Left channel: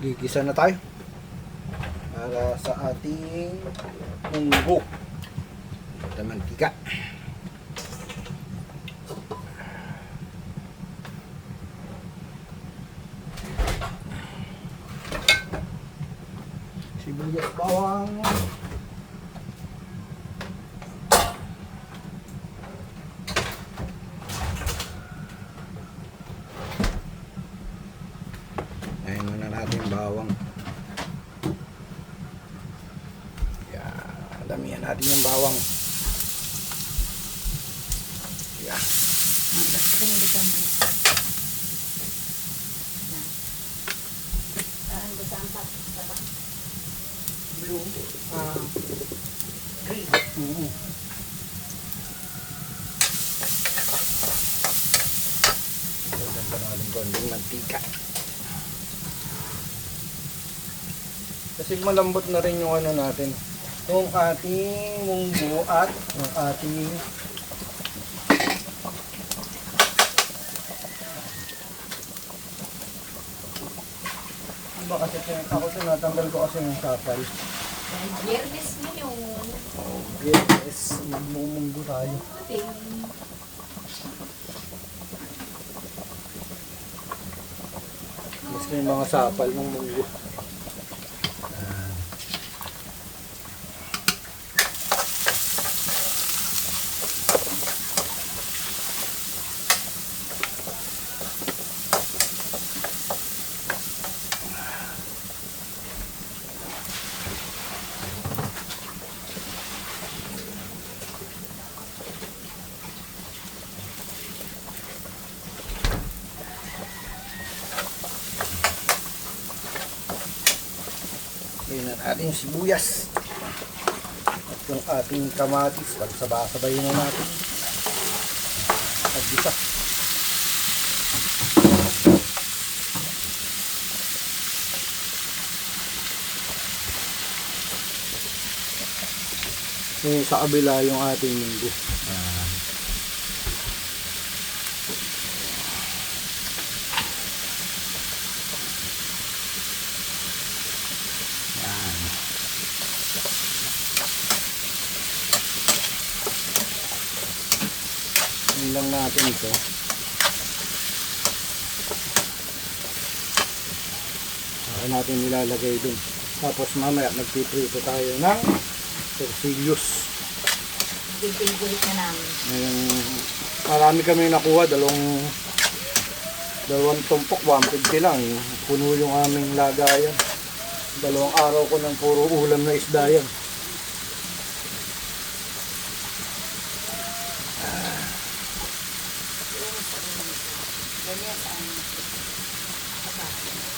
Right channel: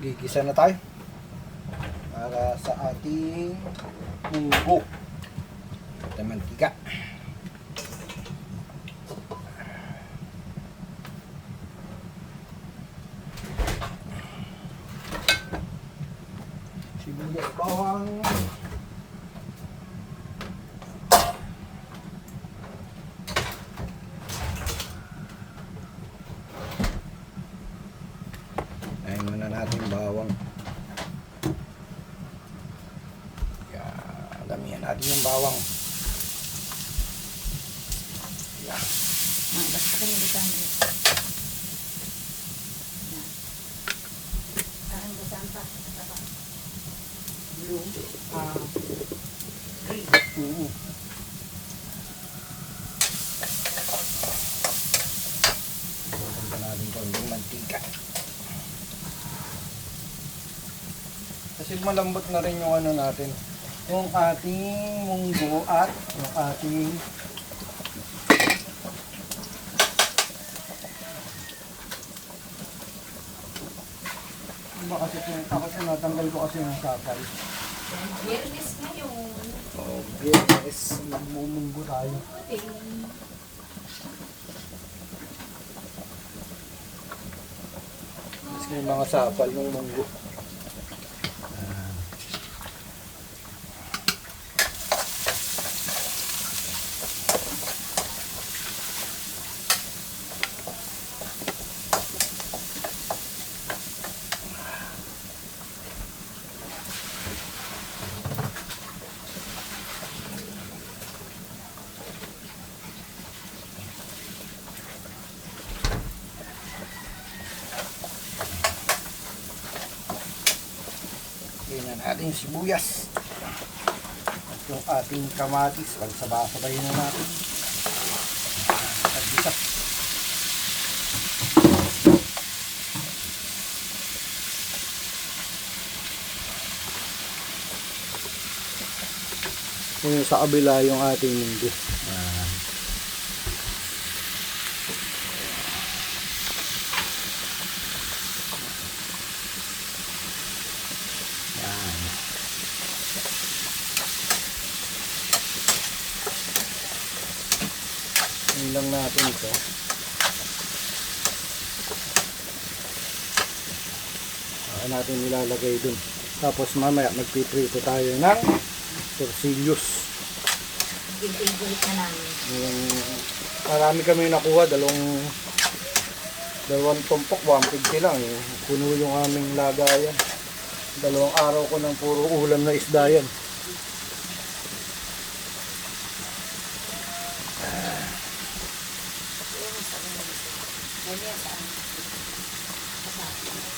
Gigisa na tayo para sa ating munggo at mantika. Sibuyas, bawang, ayun muna natin bawang. Yan, damihan natin yung bawang. Yan. Basta ka nila kami. Parang basang pa. Blue. Green. Ganda natin konting mantika. Kasi malambot na rin yung ano natin. Yung ating munggo at yung ating ba kasi ako tinatanggal ko kasi yung sapal. Biyernes ngayon. Oh, yes, magmumunggo tayo. Mas may mga sapal ng munggo. Tingnan natin yung sibuyas at yung ating kamatis. Pagsabay-sabayin na natin at gisa. Yung sa kabila yung ating munggo. Yun lang natin ito. Saka natin nilalagay dun. Tapos mamaya magpiprito tayo ng torsillos. Favorite na namin. Marami kami nakuha. Dalawang tumpok, 150 lang. Puno yung aming lagayan. 2 araw ko ng puro ulam na isda yan.